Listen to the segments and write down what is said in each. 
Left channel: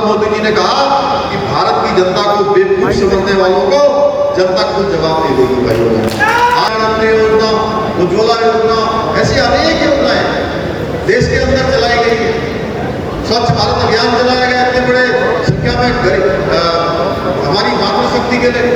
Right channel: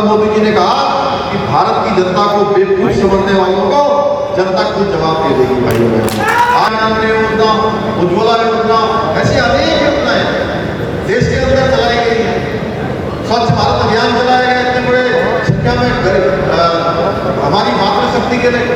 प्रधान मोदी जी ने कहा कि भारत की जनता को बेवकूफ समझने वालों को जनता खुद जवाब दे देगी भाइयों। आनंद योजना, उज्ज्वला योजना, ऐसी अनेक योजनाएं देश के अंदर चलाई गई है। स्वच्छ भारत अभियान चलाया गया इतने बड़े संख्या में हमारी मातृशक्ति के लिए।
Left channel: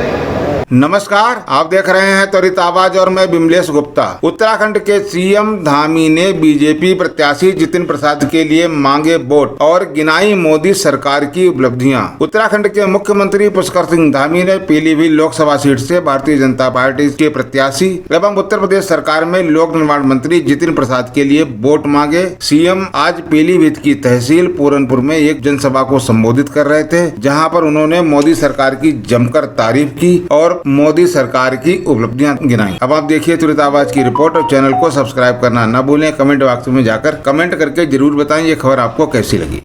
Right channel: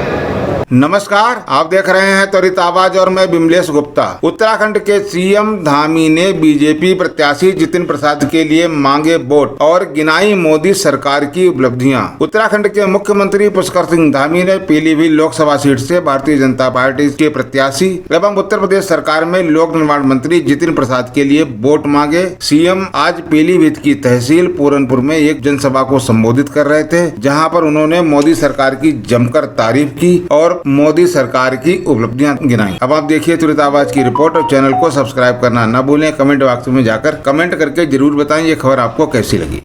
नमस्कार, आप देख रहे हैं त्वरित आवाज और मैं बिमलेश गुप्ता। उत्तराखंड के सीएम धामी ने बीजेपी प्रत्याशी जितिन प्रसाद के लिए मांगे वोट और गिनाई मोदी सरकार की उपलब्धियां। उत्तराखंड के मुख्यमंत्री पुष्कर सिंह धामी ने पीलीभीत लोकसभा सीट से भारतीय जनता पार्टी के प्रत्याशी एवं उत्तर प्रदेश सरकार में लोक निर्माण मंत्री जितिन प्रसाद के लिए वोट मांगे। सीएम आज पीलीभीत की तहसील पूरनपुर में एक जनसभा को संबोधित कर रहे थे, जहाँ पर उन्होंने मोदी सरकार की जमकर तारीफ की और मोदी सरकार की उपलब्धियां गिनाई। अब आप देखिए तुरंत आवाज की रिपोर्ट और चैनल को सब्सक्राइब करना न भूलें। कमेंट बॉक्स में जाकर कमेंट करके जरूर बताएं ये खबर आपको कैसी लगी।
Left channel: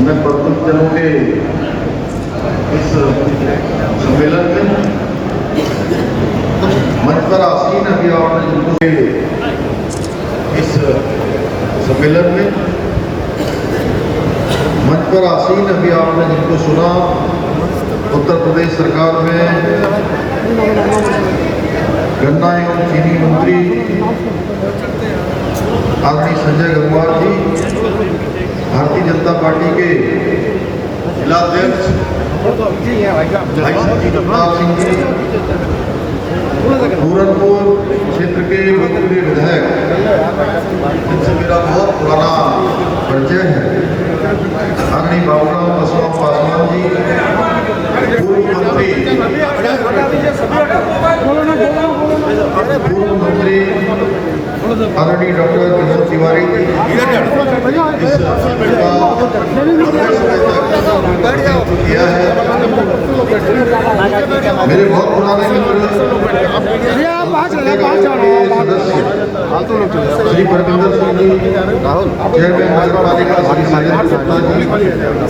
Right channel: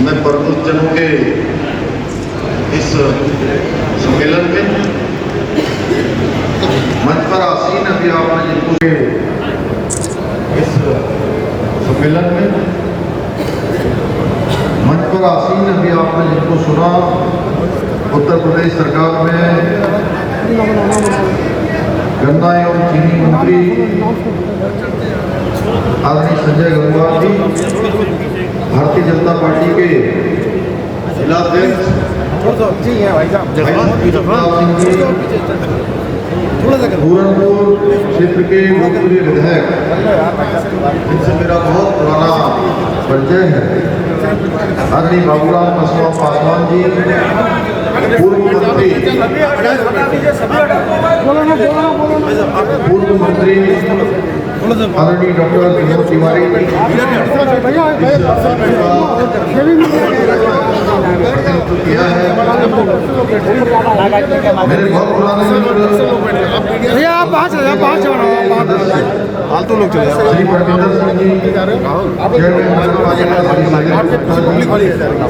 मैं प्रमुख जनों के इस सम्मेलन में मंच पर आसीन अभी आपने जिनको इस सम्मेलन में मंच पर आसीन अभी आपने जिनको सुना, उत्तर प्रदेश सरकार में गन्ना एवं चीनी मंत्री आदरणीय संजय अग्रवाल जी, भारतीय जनता पार्टी के जिलाध्यक्ष पूरनपुर क्षेत्र के लोकप्रिय विधायक, इनसे मेरा बहुत पुराना परिचय है, आदरणीय बाबूराम कसवा पासवान जी, पूर्व मंत्री आदरणीय डॉक्टर विनोद तिवारी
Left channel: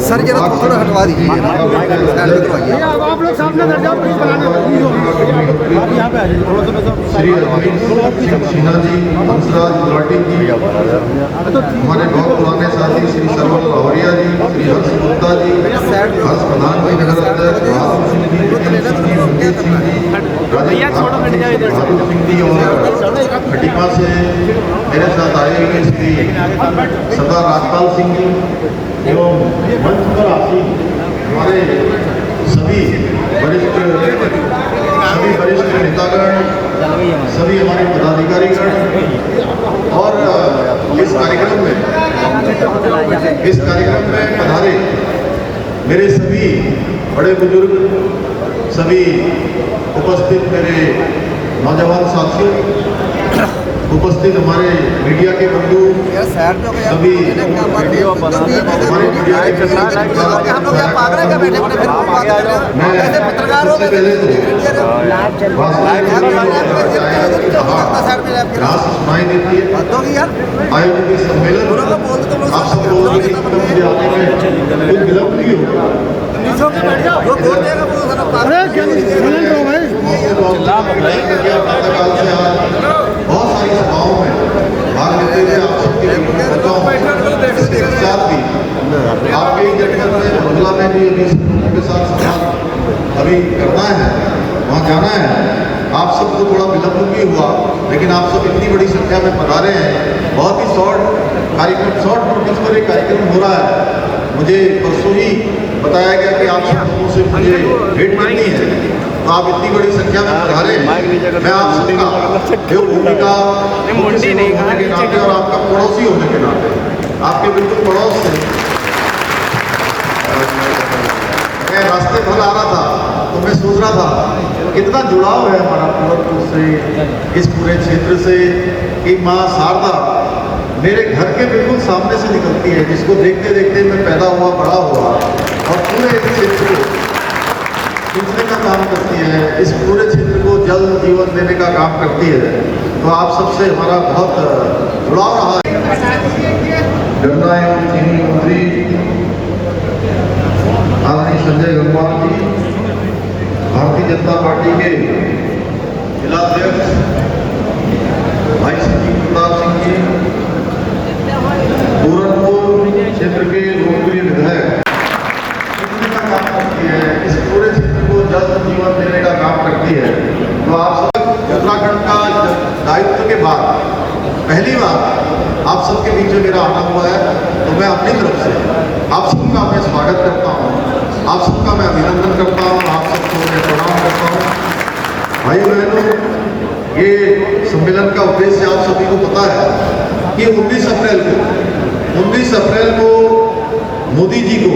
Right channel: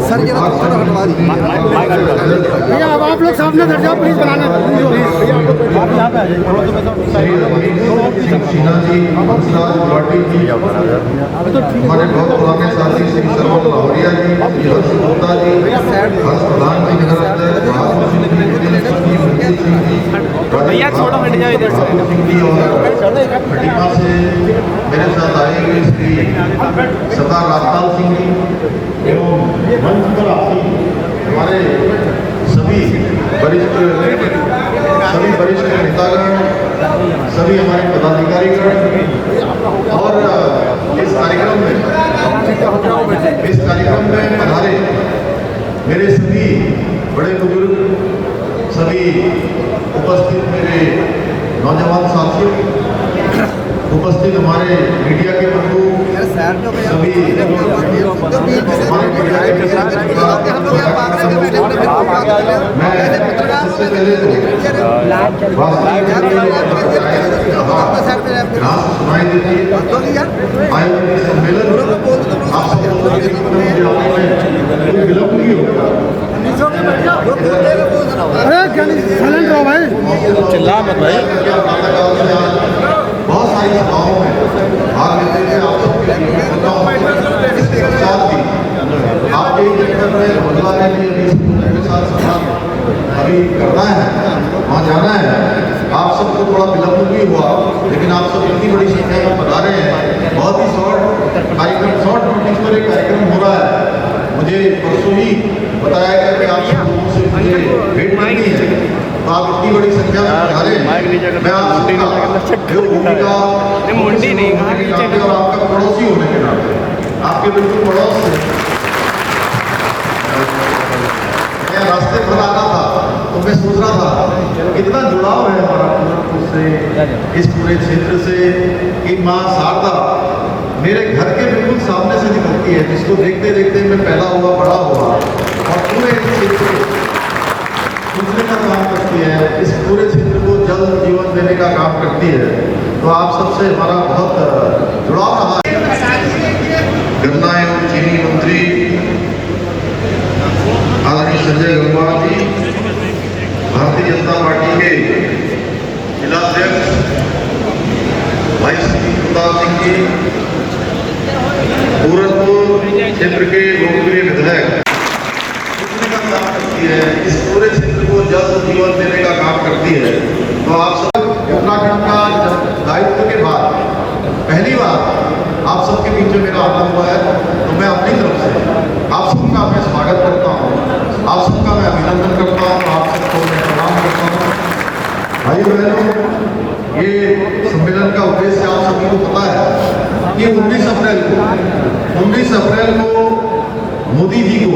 सर ये थोड़ा हटवा दीजिए। आप लोग सामने कर जाओ प्लीज, आप यहाँ पे आ जाइए थोड़ा सा। सिन्हा जी, हंसराज गुलाटी जी, हमारे बहुत पुराने साथी श्री सरवन भवरिया जी, गुप्ता जी, भैया थोड़ा हट जाओ इधर से। मेरे साथ आए हुए श्री सरदार राजपाल सिंह जी एवं मंच पर आसीन हमारे सभी वरिष्ठ नेतागण, सभी हमारे पदाधिकारीगण और इस कार्यक्रम में पधारे मेरे सभी बड़े बुजुर्ग, सभी उपस्थित मेरे नौजवान साथियों, उपस्थित हमारे मीडिया के बंधु, सभी हमारे मीडिया के सबसे पहले बहुत सारी सभाओं में भाग लेते हुए आप सबके आपके बदला में भी के साथ अभी करना है, वहाँ जाना है। आप सबको थोड़ा विलंब भी हुआ, लेकिन आप सब इतनी बड़ी संख्या में पधारे हैं। बहुत ही शॉर्ट नोटिस पर एक कार्यक्रम हो रहा है। मुझे परसों ही बताया गया कि आप सब लोगों से मुझे भेंट करनी है, तो आप इतनी बड़ी संख्या में पधारे। मुंडी नहीं कहा नीचे का, आपका पड़ोसी होने के नाते, आपके बिल्कुल पड़ोस से मैं रास्ते पर आ रहा था तो मैं सोच रहा था कितना जुड़ाव है हमारा पूरनपुर से, इस पूरे क्षेत्र से, कि माँ शारदा मेरे घर के बिल्कुल सामने से निकलती है, जिसको देखते देखते मैं पैदा हुआ, बड़ा हुआ और पूरे क्षेत्र सिंचने का काम करती है। इस पूरे क्षेत्र को जल जीवन देने देने का काम करती है। तो आप सबसे हमारा बहुत जुड़ाव रहा है। गन्ना एवं चीनी मंत्री आदरणीय संजय गंगवार जी, भारतीय जनता पार्टी के जिलाध्यक्ष भाई प्रताप सिंह जी, पूरनपुर क्षेत्र के लोकप्रिय विधायक का काम करती है, इस पूरे क्षेत्र को जल जीवन देने का काम करती है। तो आप सब उत्तराखंड का दायित्व के बाद पहली बार आप सबके बीच में मेरा आना हुआ है। तो मैं अपनी तरफ से आप सबका मैं स्वागत करता हूँ, आप सबका मैं अभिनंदन करता हूँ, आप सबको मैं प्रणाम करता हूँ। भाई बहनों, ये सम्मेलन का उद्देश्य आप सभी को पता है कि 19 अप्रैल को मोदी जी को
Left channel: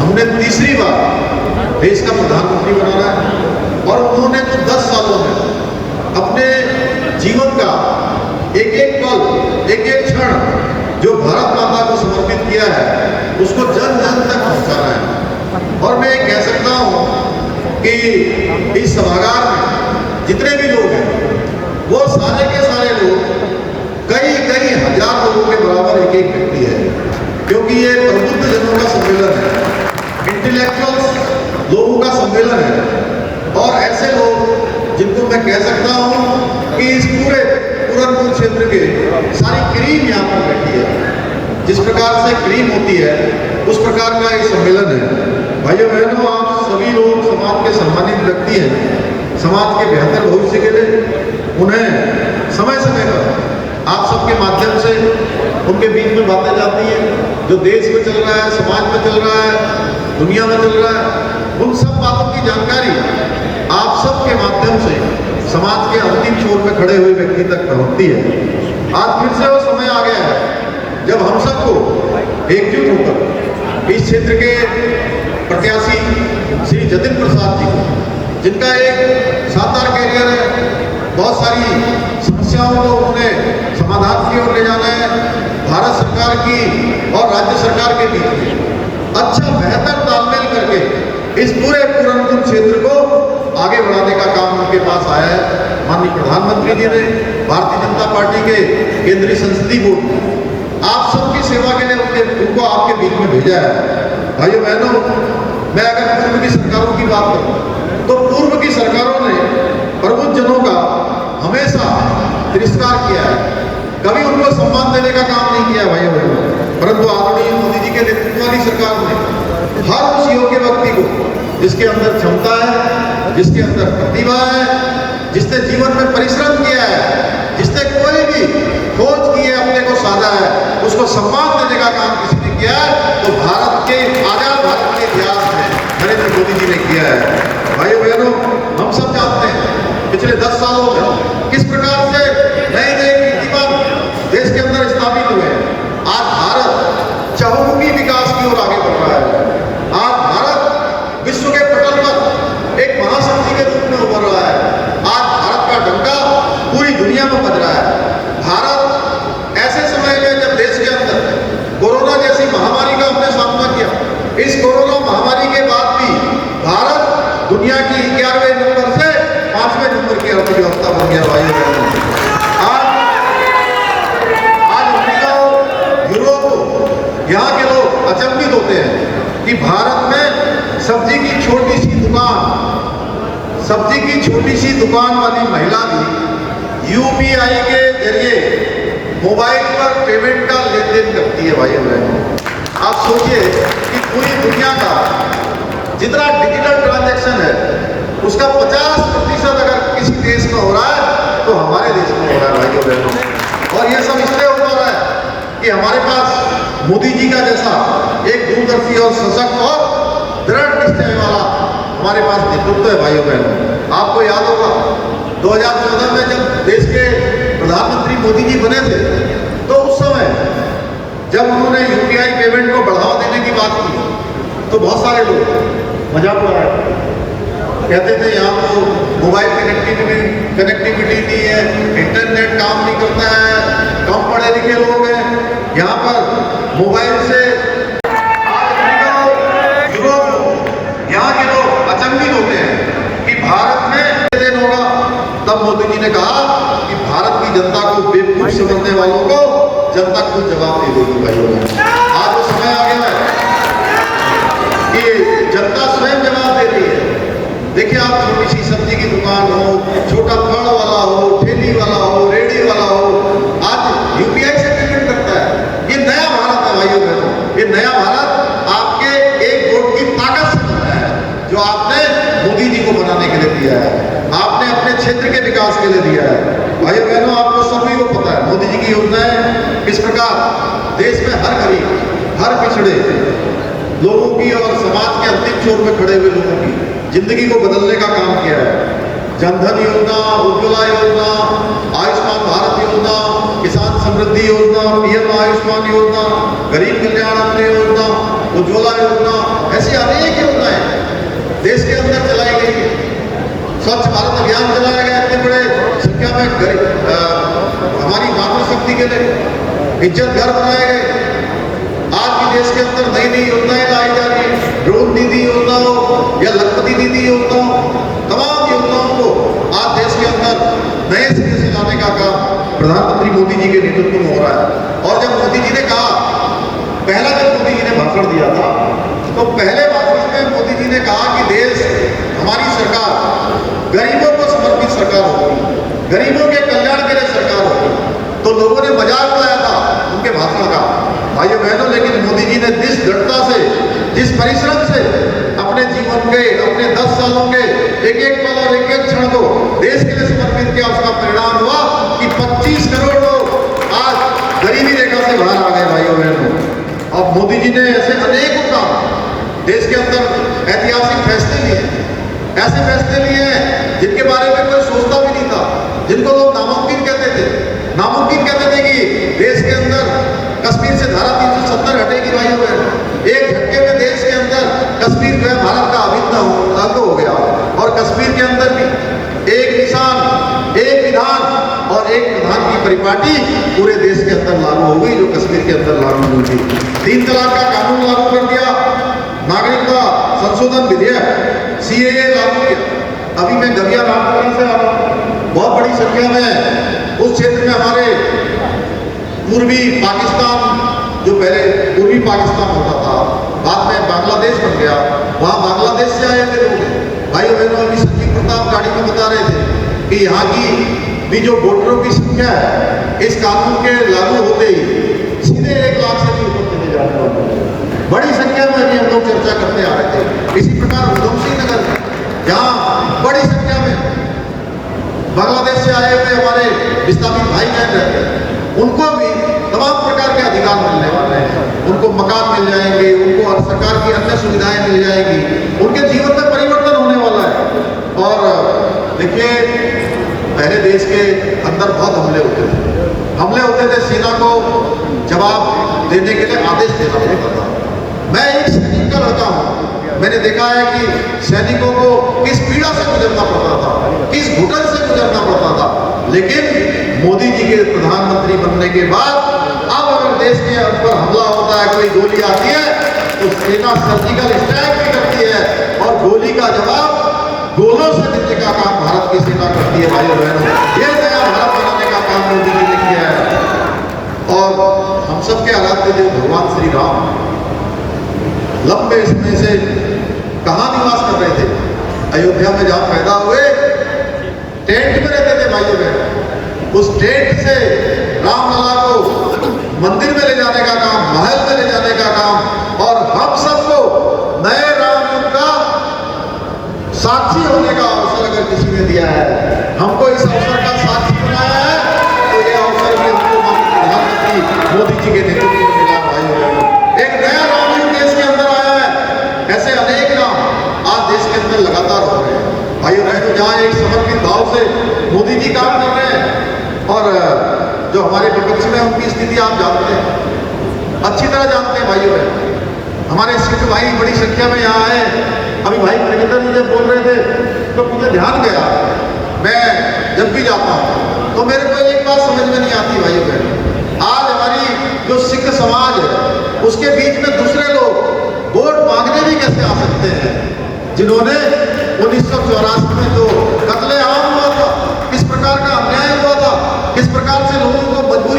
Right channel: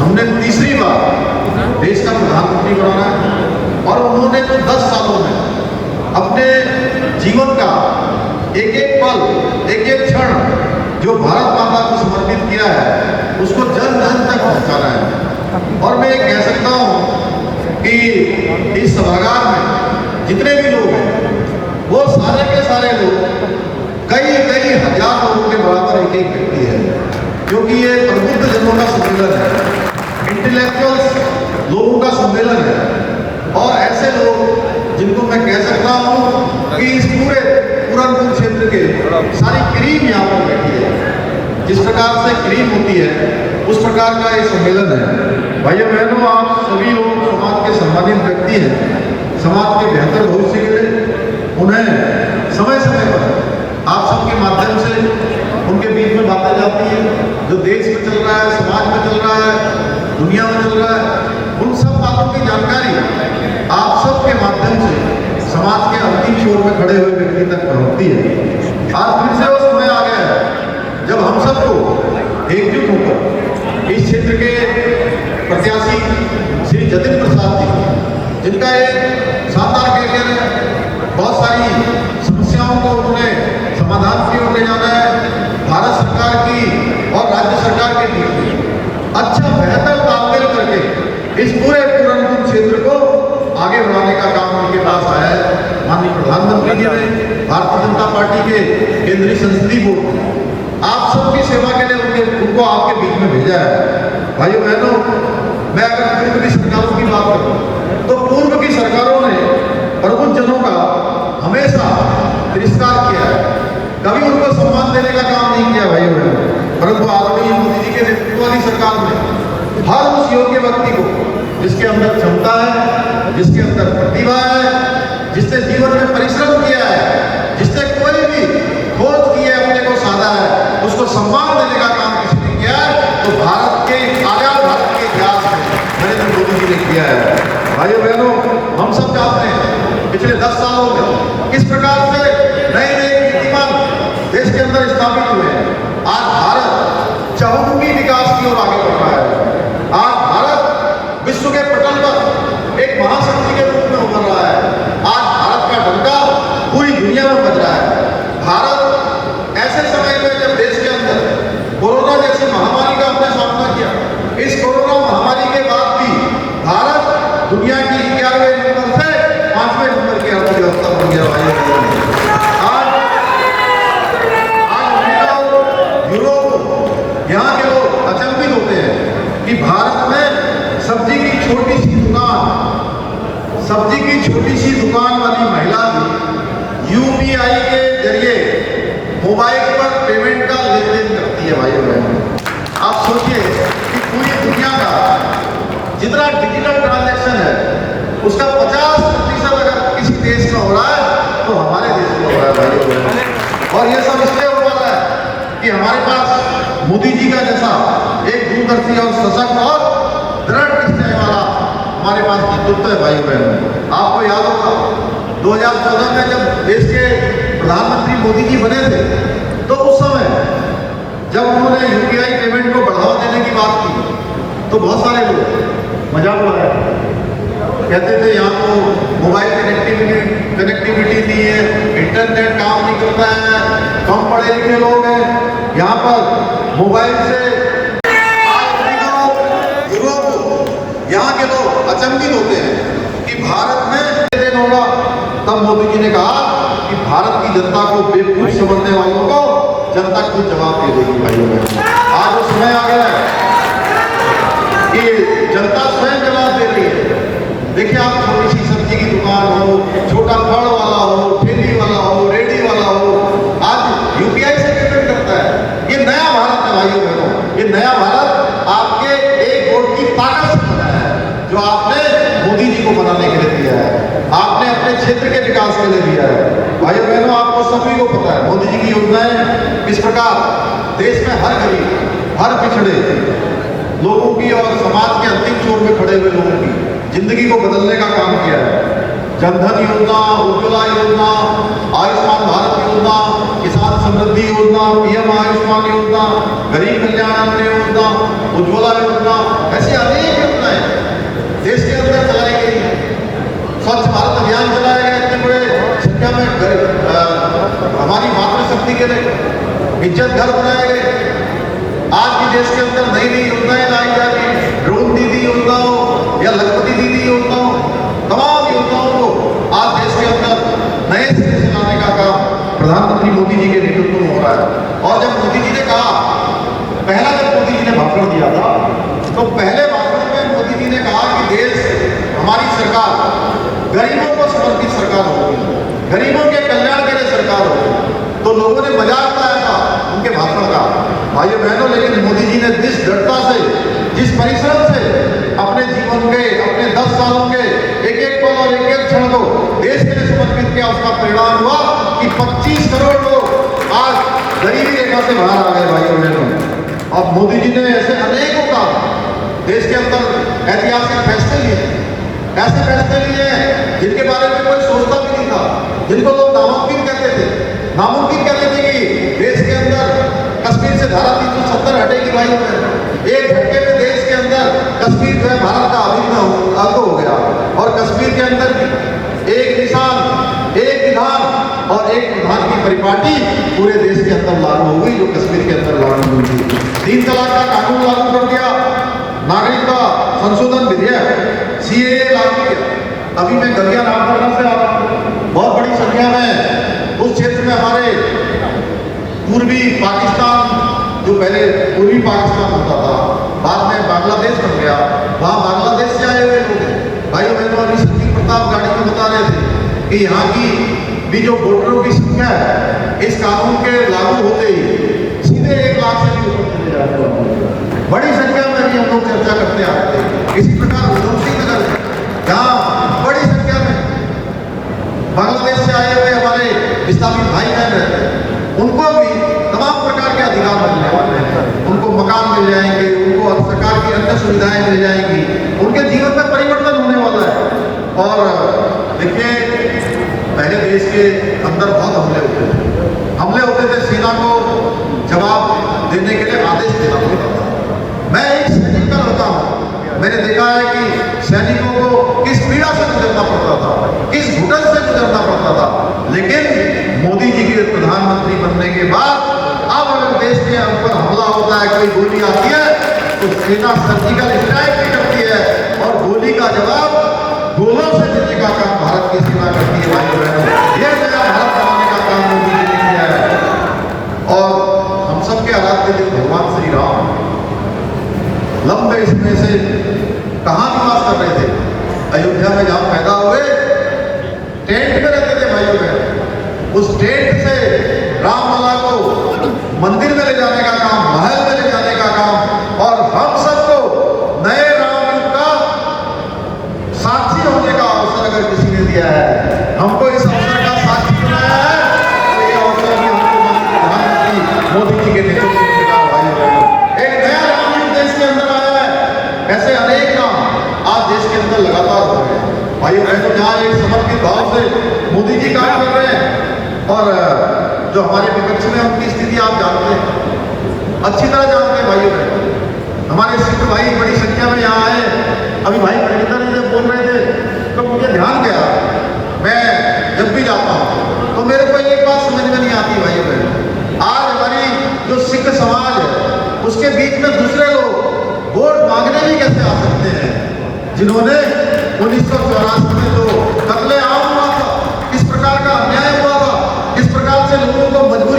हमने तीसरी बार देश का प्रधानमंत्री बनाना है और उन्होंने तो 10 सालों में अपने जीवन का एक एक पल, एक एक क्षण जो भारत माता को समर्पित किया है उसको जन जन तक पहुंचाना है। और मैं कह सकता हूं कि इस सभागार में जितने भी लोग हैं वो सारे के सारे लोग कई हजार लोगों के बराबर एक एक व्यक्ति है, क्योंकि ये प्रबुद्ध जनों का सम्मेलन है, इंटेलेक्चुअल्स लोगों का सम्मेलन है। और ऐसे लोग जिनको मैं कह सकता हूं कि इस पूरे पूरनपुर क्षेत्र के सारी क्रीम यहाँ पर बैठी है, जिस प्रकार से क्रीम होती है उस प्रकार का ये सम्मेलन है। भाइयों बहनों, आप सभी लोग समाज के सम्मानित व्यक्ति हैं, समाज के बेहतर भविष्य के लिए उन्हें समय समय पर आप सबके माध्यम से उनके बीच में बातें जाती हैं, जो देश में चल रहा है, समाज में चल रहा है, दुनिया में चल रहा है, उन सब बातों की जानकारी आप सबके माध्यम से समाज के अंतिम छोर में खड़े हुए व्यक्ति तक पहुंचती है। आज फिर से वो समय आ गया है जब हम सबको एकजुट होकर इस क्षेत्र के प्रत्याशी श्री जतिन प्रसाद जी, जिनका एक शानदार कैरियर है, बहुत सारी समस्याओं को उन्होंने समाधान की ओर ले जाना है, भारत सरकार की और राज्य सरकार के बीच अच्छा बेहतर तालमेल करके इस पूरे पूरनपुर क्षेत्र को आगे बढ़ाने का काम उनके पास आया है। माननीय प्रधानमंत्री जी ने भारतीय जनता पार्टी के केंद्रीय संसदीय बोर्ड आप सबकी सेवा के लिए उनको आपके बीच में भेजा है। भाइयों बहनों, मैं अगर पूर्व की सरकारों की बात करूं तो पूर्व की सरकारों ने प्रबुद्ध जनों का हमेशा तिरस्कार किया है, कभी उनको सम्मान देने का काम नहीं किया भाइयों बहनों। परंतु आदरणीय मोदी जी के नेतृत्व वाली सरकार ने हर उस योग्य व्यक्ति को जिसके अंदर क्षमता है, जिसके अंदर प्रतिभा है, जिसने जीवन में परिश्रम किया है, जिसने कोई भी खोज की है, अपने को साधा है, उसको सम्मान देने का काम किसी ने किया है तो भारत के आजाद भारत के इतिहास में नरेंद्र मोदी जी ने किया है। भाइयों बहनों, हम सब जानते हैं पिछले 10 सालों में किस प्रकार से नए कीर्तिमान देश के अंदर स्थापित हुए हैं। आज भारत चहुमुखी विकास की ओर आगे बढ़ रहा है। आज भारत विश्व के पटल पर एक महाशक्ति के रूप में उभर रहा है। आज भारत का डंका पूरी दुनिया में बज रहा है। भारत ऐसे समय में जब देश के अंदर कोरोना जैसी महामारी का हमने सामना किया, इस कोरोना महामारी के बाद भी भारत दुनिया की 11वें नंबर से 5वें नंबर की अर्थव्यवस्था बन गया है। यहाँ के लोग अचंभित होते हैं कि भारत में सब्जी की छोटी सी दुकान वाली महिला भी यूपीआई के जरिए मोबाइल पर पेमेंट का लेन देन करती है। भाइयों बहनों, आप सोचिए कि पूरी दुनिया का जितना डिजिटल ट्रांजैक्शन है उसका 50% अगर किसी देश में हो रहा है तो हमारे देश में हो रहा है। भाइयों बहनों, और ये सब इसलिए हो पा रहा है कि हमारे पास मोदी जी का जैसा एक दूरदर्शी और सशक्त और दृढ़ निश्चय वाला हमारे पास नेतृत्व है। भाइयों बहनों, आपको याद होगा 2014 में जब देश के प्रधानमंत्री मोदी जी बने थे तो उस समय जब उन्होंने यूपीआई पेमेंट को बढ़ावा देने की बात की तो बहुत सारे लोग मजाक उड़ाए, कहते थे यहाँ तो मोबाइल कनेक्टिविटी नहीं है, इंटरनेट काम नहीं करता है, कम पढ़े लिखे लोग हैं, यहाँ पर मोबाइल से यूरोप यहाँ के लोग अचंभित होते हैं कि भारत में संभलने वालों को जनता खुद जवाब दे देगी भाइयों बहनों। आज वो समय आ गया है कि जनता स्वयं जवाब दे रही है। देखिए, आप छोटी सी सब्जी की दुकान हो, छोटा फल वाला हो, ठेली वाला हो, रेडी वाला हो, आज यूपीआई से पेमेंट करता है। ये नया भारत है भाइयों बहनों, ये नया भारत आपके एक वोट की ताकत से बना है, जो आपने मोदी जी को बनाने के लिए दिया है, आपने अपने क्षेत्र के विकास के लिए दिया है। भाइयों बहनों, आपको सभी को पता है मोदी जी की योजनाएं किस प्रकार देश में हर गरीब, हर पिछड़े लोगों की और समाज के अंतिम छोर में खड़े हुए लोगों की जिंदगी को बदलने का काम किया है। जनधन योजना, उज्ज्वला योजना, आयुष्मान भारत योजना, किसान समृद्धि योजना, पीएम आयुष्मान योजना, गरीब कल्याण अन्न योजना, उज्ज्वला योजना, ऐसी अनेक योजनाएं देश के अंदर चलाई गई है। स्वच्छ भारत अभियान चलाया गया इतने बड़े संख्या में हमारी मातृशक्ति के लिए इज्जत घर बनाए गए। आज भी देश के अंदर नई नई योजनाएं लाई जा रही है, ड्रोन दीदी योजना हो या लखपति दीदी योजना हो, तमाम योजनाओं को आज देश के अंदर नए सिरे से लाने का काम प्रधानमंत्री मोदी जी के नेतृत्व में हो रहा है। और जब मोदी जी ने कहा, पहला जब मोदी जी ने भाषण दिया था, तो पहले भाषण में मोदी जी ने कहा कि देश, हमारी सरकार गरीबों को समर्पित सरकार होगी, गरीबों के कल्याण के लिए सरकार होगी। तो लोगों ने मजाक उड़ाया था उनके भाषण का भाइयों बहनों, लेकिन मोदी जी ने जिस दृढ़ता से, जिस परिश्रम से अपने जीवन के, अपने 10 सालों के एक एक पल और एक एक क्षण को देश के लिए समर्पित किया, उसका परिणाम हुआ कि 25 करोड़ लोग आज गरीबी रेखा से बाहर आ गए भाइयों बहनों। और मोदी जी ने ऐसे अनेक काम देश के अंदर ऐतिहासिक फैसले लिए, ऐसे फैसले लिए हैं जिनके बारे में कोई सोचता भी नहीं था, जिनको लोग नामुमकिन कहते थे। नामुमकिन कहते थे कि देश के अंदर कश्मीर से धारा 370 हटेगी भाइयों बहनों। एक झटके में देश के अंदर कश्मीर जो है भारत का अभिन्न अंग हो गया, और कश्मीर के अंदर भी एक किसान, एक विधान और एक प्रधान की परिपाटी पूरे देश के अंदर लागू हो गई, जो कश्मीर के अंदर लागू हुई थी। 3 तलाक का कानून लागू कर दिया, नागरिकता संशोधन विधेयक सीएए लागू किया। अभी मैं गलिया रामपुरा से आ रहा हूं, बहुत बड़ी संख्या में उस क्षेत्र में हमारे पूर्वी पाकिस्तान, जो पहले पूर्वी पाकिस्तान होता था, बाद में बांग्लादेश बन गया, वहाँ बांग्लादेश से आए हुए लोग हैं। भाई बहनों, अभी संजीव प्रताप गाड़ी में बता रहे थे कि यहाँ की भी जो वोटरों की संख्या है, इस कानून के लागू होते ही सीधे 1 लाख से भी ऊपर चले जाते हैं। बड़ी संख्या में अभी हम लोग चर्चा करते आ रहे थे। इसी प्रकार उधमसिंह नगर, जहाँ बड़ी संख्या में बांग्लादेश से आए हुए हमारे विस्थापित भाई बहन रहते हैं, उनको भी तमाम प्रकार के अधिकार मिलने वाले हैं। उनको मकान मिल जाएंगे, उनको सरकार की अन्य सुविधाएं मिल जाएंगी, उनके जीवन में परिवर्तन होने वाला है। और देखिए, पहले देश के अंदर बहुत हमले होते थे, सेना को जवाब देने के लिए आदेश देना पड़ता था। मैं एक सैनिक होता हूँ, मैंने देखा है कि सैनिकों को किस पीड़ा से गुजरना पड़ता था, किस घुटन से गुजरना पड़ता था। लेकिन मोदी जी के प्रधानमंत्री बनने के बाद अब अगर देश के ऊपर हमला होता है, कोई गोली आती है, तो सेना सर्जिकल स्ट्राइक भी करती है, और गोली का जवाब गोलों से देने का काम भारत की सेना करती है भाइयों बहनों। ये नया भारत बनाने का काम मोदी जी ने किया है। और हम सबके हालात थे, जो भगवान श्री राम लंबे समय से कहाँ निवास कर रहे थे, अयोध्या में जहाँ पैदा हुए, टेंट में रहते थे भाइयों बहनों। उस टेंट से रामलला को मंदिर में ले जाने का काम, महल में ले जाने का काम, और हम सबको नए रामयुग का साक्षी होने का अवसर अगर किसी ने दिया है, हमको इस अवसर का साक्षी बनाया है, तो ये अवसर भी हमको प्रधानमंत्री मोदी जी के नेतृत्व में मिला भाइयों बहनों। एक नया रामयुग देश के अंदर आया है। ऐसे अनेक काम आज देश के अंदर लगातार हो रहे हैं भाइयों बहनों, जहाँ एक समर्पित भाव से मोदी जी काम कर रहे हैं, और जो हमारे विपक्ष में उनकी स्थिति आप जानते हैं, अच्छी तरह जानते हैं भाइयों बहनों। हमारे सिख भाई बड़ी संख्या में यहाँ आए। अभी भाई प्रगतन मुझे बोल रहे थे, तो मुझे ध्यान गया, मैं जब भी जाता हूँ तो मेरे को एक बात समझ में नहीं आती भाइयों बहनों। आज हमारी जो सिख समाज है, उसके बीच में दूसरे लोग वोट मांगने भी कैसे आ सकते हैं, जिन्होंने 1984 में जो कत्ले आम हुआ था, किस प्रकार का अन्याय हुआ था, किस प्रकार से लोगों को मजबूरी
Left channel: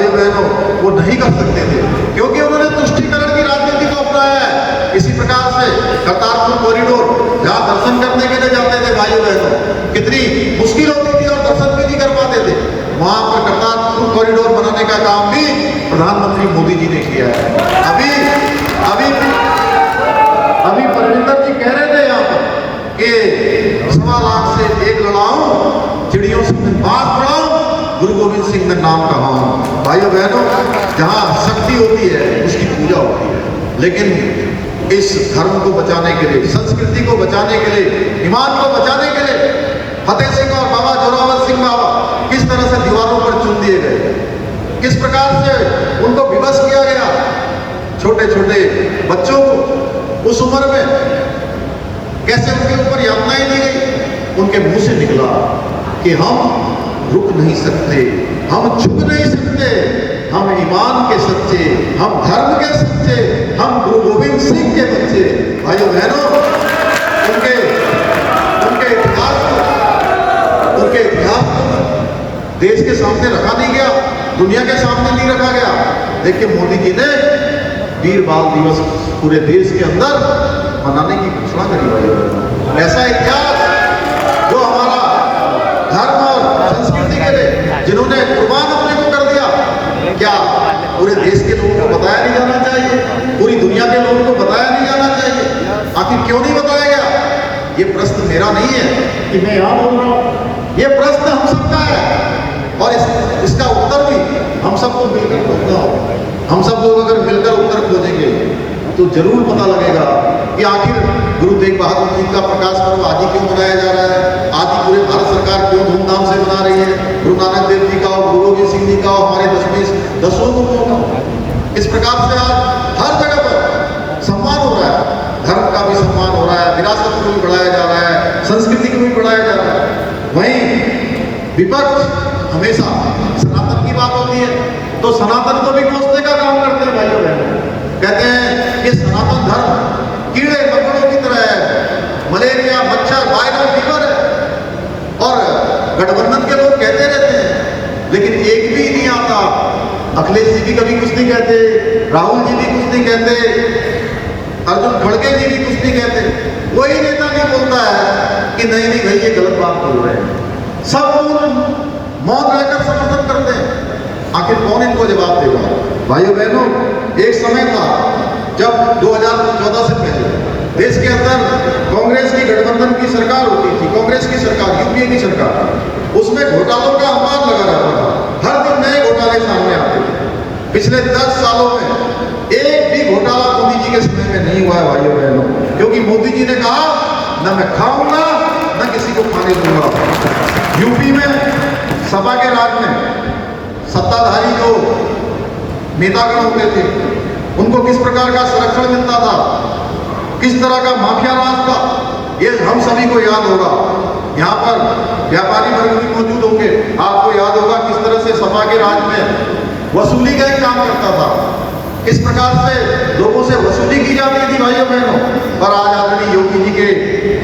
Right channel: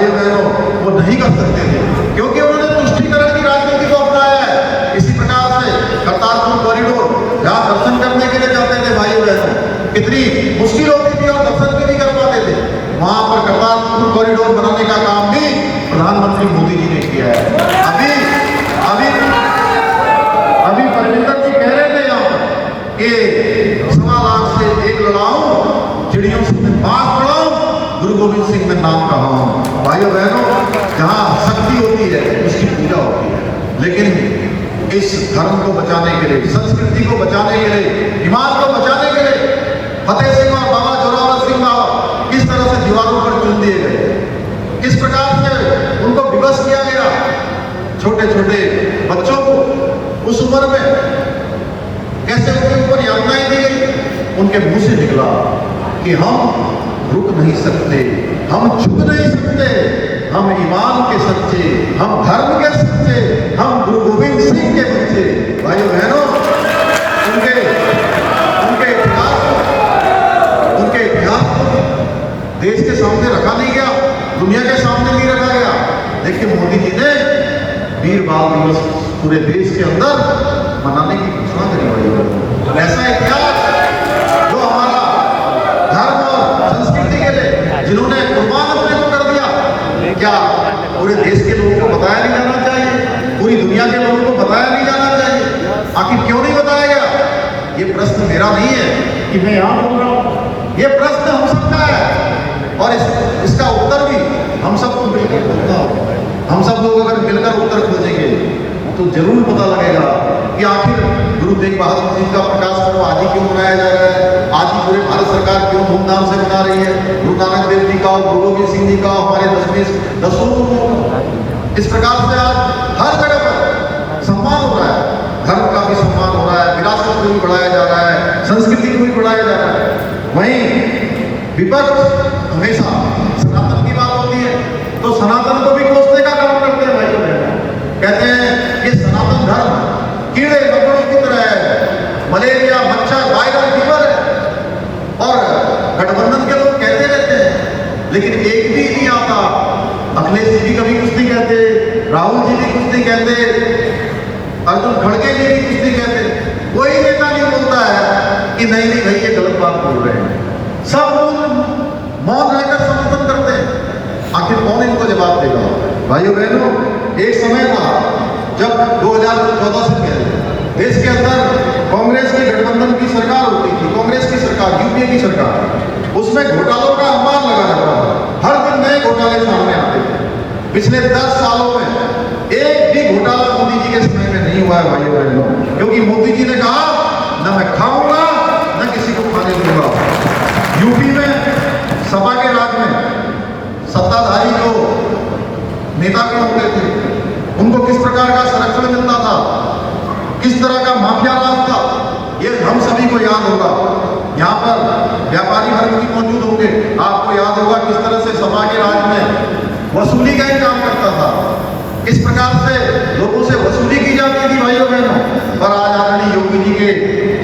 भाई बहनों वो नहीं कर सकते थे, क्योंकि उन्होंने तुष्टीकरण की राजनीति को अपनाया है। इसी प्रकार से करतारपुर कॉरिडोर, जहाँ दर्शन करने के लिए जाते थे भाई बहनों, कितनी मुश्किल होती थी और दर्शन भी नहीं कर पाते थे, वहां पर करतारपुर कॉरिडोर बनाने का काम भी प्रधानमंत्री मोदी जी ने किया है। अभी परमिंदर जी कह रहे थे यहाँ पर कि 1.25 लाख से 1 लड़ाऊं, चिड़ियों से बात बढ़ाऊं, गुरु गोविंद सिंह ने नाम कहा। भाइयों बहनों, जहाँ शक्ति होती है उसकी पूजा होती है, लेकिन इस धर्म को बचाने के लिए, संस्कृति को बचाने के लिए, ईमान को बचाने के लिए फतेह सिंह और बाबा जोरावर सिंह बाबा किस तरह से दीवारों पर चुन दिए गए, किस प्रकार से उनको विवश किया गया। छोटे छोटे बच्चों को उस उम्र में कैसे उनके ऊपर यातनाएं दी गई, उनके मुंह से निकला कि हम रुक नहीं सकते, हम झुक नहीं सकते, हम ईमान के सच्चे, हम धर्म के सच्चे, हम गुरु गोविंद सिंह के बच्चे। भाइयों बहनों, उनके इतिहास को देश के सामने रखा नहीं गया, दुनिया के सामने नहीं रखा गया। देखिए मोदी जी ने वीर बाल दिवस पूरे देश के अंदर मनाने की घोषणा करी। ऐसा इतिहास जो हमारा धर्म और संस्कृति के लिए जिन्होंने कुर्बान अपने को कर दिया, क्या पूरे देश के लोगों को बताया नहीं जाना चाहिए? पूरी दुनिया के लोगों को बताया नहीं जाना चाहिए? आखिर क्यों नहीं बताया गया? ये प्रश्न मेरा नहीं है कि मैं यहाँ बोल रहा हूँ, ये प्रश्न हम सबका है और इसका उत्तर भी हम सबको मिलकर खोजना होगा। हम सब लोग अगर मिलकर उत्तर खोजेंगे तो जरूर पता लगेगा कि आखिर गुरु तेग बहादुर जी का प्रकाश पर्व आज ही क्यों मनाया जा रहा है, आज ही पूरे भारत सरकार क्यों धूमधाम से मना रही है। गुरु नानक देव जी का, गुरु गोविंद सिंह जी का, हमारे 10 गुरुओं का। इस प्रकार से आज हर जगह पर सम्मान हो रहा है, धर्म का भी सम्मान हो रहा है, विरासत को भी बढ़ाया जा रहा है, संस्कृति को भी बढ़ाया जा रहा है। वहीं विपक्ष हमेशा सनातन की बात होती है तो सनातन को भी कोसने का काम करते हैं भाइयों बहनों। कहते हैं कि सनातन धर्म कीड़े मकोड़ों की तरह है, मलेरिया, मच्छर, वायरल फीवर है। और गठबंधन के लोग कहते रहते हैं, लेकिन एक भी नहीं आता। अखिलेश जी भी कभी कुछ नहीं कहते, राहुल जी भी कुछ नहीं कहते, अर्जुन खड़गे जी भी कुछ नहीं कहते। कोई नेता नहीं बोलता है कि नहीं नहीं भाई ये गलत बात बोल रहे हैं। सब लोग मौन रहकर समर्थन करते हैं। आखिर कौन इनको जवाब देगा? भाइयों बहनों, एक समय था जब 2014 से पहले देश के अंदर कांग्रेस की गठबंधन की सरकार होती थी, कांग्रेस की सरकार, यूपीए की सरकार। उसमें घोटालों का अंबार लगा रहता था, हर दिन नए घोटाले सामने आते थे। पिछले 10 सालों में एक भी घोटाला मोदी जी के समय में नहीं हुआ है भाइयों बहनों, क्योंकि मोदी जी ने कहा न मैं खाऊंगा न किसी को खाने दूंगा। यूपी में सपा के राज में सत्ताधारी जो नेतागण होते थे उनको किस प्रकार का संरक्षण मिलता था, किस तरह का माफिया राज था, ये हम सभी को याद होगा। यहाँ पर व्यापारी वर्ग भी मौजूद होंगे, आपको याद होगा किस तरह से सपा के राज में वसूली का काम करता था, किस प्रकार से लोगों से वसूली की जाती थी भाइयों बहनों। पर आज आदमी योगी जी के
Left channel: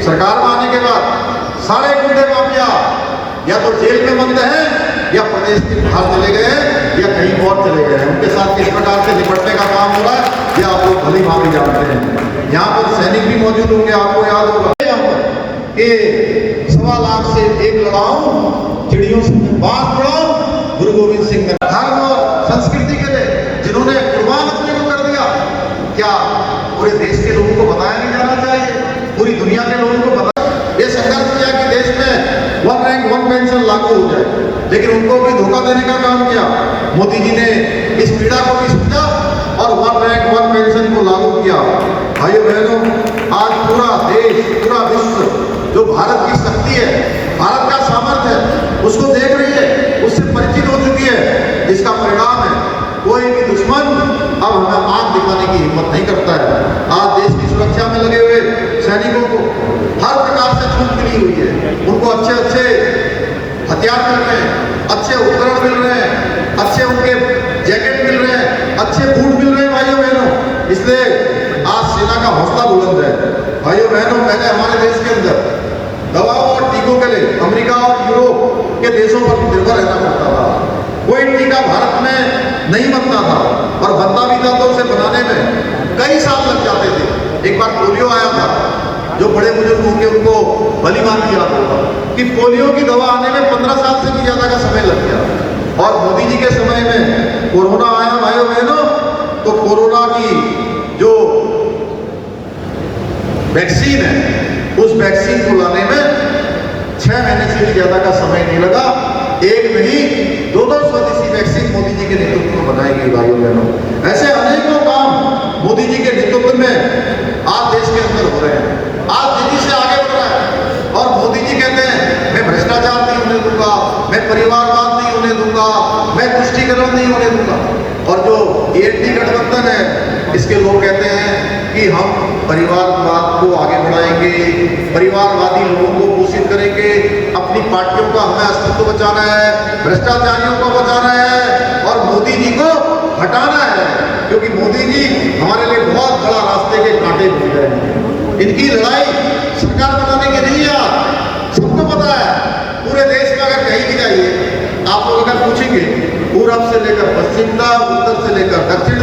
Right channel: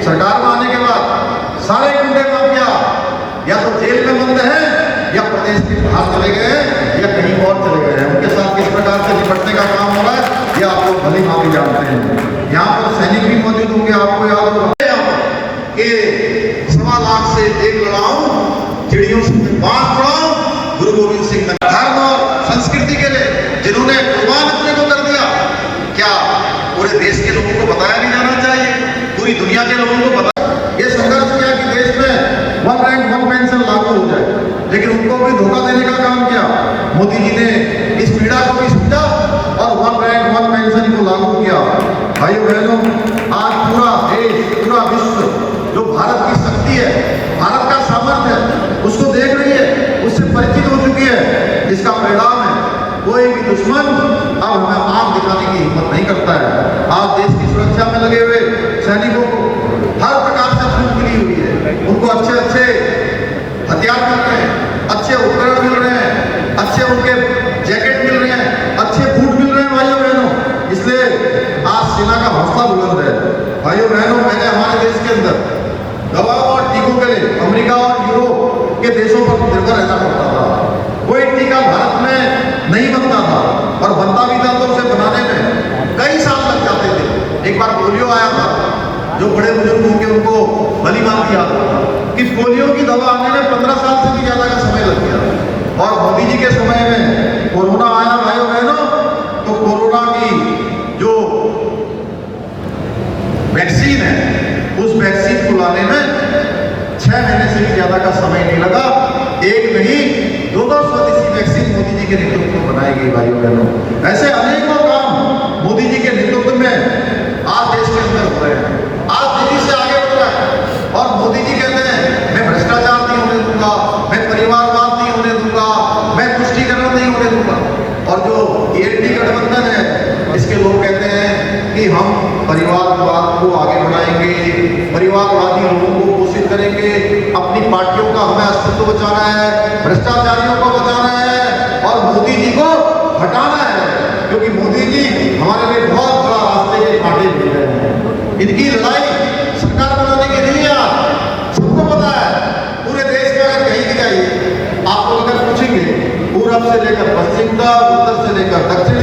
सरकार में आने के बाद सारे गुंडे माफिया या तो जेल में बंद हैं या प्रदेश के बाहर चले गए हैं या कहीं और चले गए हैं। उनके साथ किस प्रकार से निपटने का काम हो रहा है ये आप लोग भली भांति जानते हैं। यहाँ पर सैनिक भी मौजूद होंगे, आपको याद होगा कि 1.25 लाख से 1 लड़ाऊं, चिड़ियों से बात बढ़ाऊं, गुरु गोविंद सिंह ने धर्म और संस्कृति के लिए जिन्होंने कुर्बान अपने को कर दिया, क्या पूरे देश के लोगों को बताया नहीं जाना चाहिए? पूरी दुनिया के लोगों को बताया। ये संघर्ष किया कि देश में 1 रैंक 1 पेंशन लागू हो जाए, लेकिन उनको भी धोखा देने का काम किया। मोदी जी ने इस पीड़ा को भी समझा और 1 रैंक 1 पेंशन को लागू किया। भाइयों बहनों, आज पूरा देश, पूरा विश्व जो भारत की शक्ति है, भारत का सामर्थ्य है, उसको देख रही है, उससे परिचित हो चुकी है। इसका परिणाम है कोई भी दुश्मन अब हमें आंख दिखाने की हिम्मत नहीं करता है। आज देश की सुरक्षा में लगे हुए सैनिकों को हर प्रकार से छूट मिली हुई है, उनको अच्छे अच्छे हथियार मिल रहे हैं, अच्छे उपकरण मिल रहे हैं, अच्छे उनके जैकेट मिल रहे हैं, अच्छे बूट मिल रहे हैं भाइयों बहनों। इसलिए आज सेना का हौसला बुलंद है। भाइयों बहनों, पहले हमारे देश के अंदर दवाओं और टीकों के लिए अमेरिका और यूरोप के देशों पर निर्भर रहना पड़ता था। कोई टीका भारत में पोलियो की दवा आने में 15 साल से भी ज्यादा का समय लग गया। और मोदी जी के समय में कोरोना आया भाई बहनों, तो कोरोना की जो वैक्सीन है, उस वैक्सीन को लाने में 6 महीने से भी ज्यादा का समय नहीं लगा। एक में ही 2 स्वदेशी वैक्सीन मोदी जी के नेतृत्व में बनाई गई भाई बहनों। ऐसे अनेकों काम मोदी जी के नेतृत्व में आज देश के अंदर हो रहे हैं। आज तेजी से आगे बढ़ रहा है। और मोदी जी कहते हैं मैं भ्रष्टाचार नहीं होने दूंगा, मैं परिवारवाद नहीं होने दूंगा, मैं तुष्टीकरण नहीं होने दूंगा। और जो एनडीए गठबंधन है, इसके लोग कहते हैं कि हम परिवारवाद को आगे बढ़ाएंगे, परिवारवादी लोगों को पोषित करेंगे, अपनी पार्टियों का हमें अस्तित्व बचाना है, भ्रष्टाचारियों को बचाना है और मोदी जी को हटाना है, क्योंकि मोदी जी हमारे लिए बहुत बड़ा रास्ते के कांटे बन रहे हैं। इनकी लड़ाई सरकार बनाने के लिए सबको पता है। पूरे देश में अगर कहीं भी जाइए, आप लोग अगर पूछेंगे पूरब से लेकर पश्चिम तक, उत्तर से लेकर दक्षिण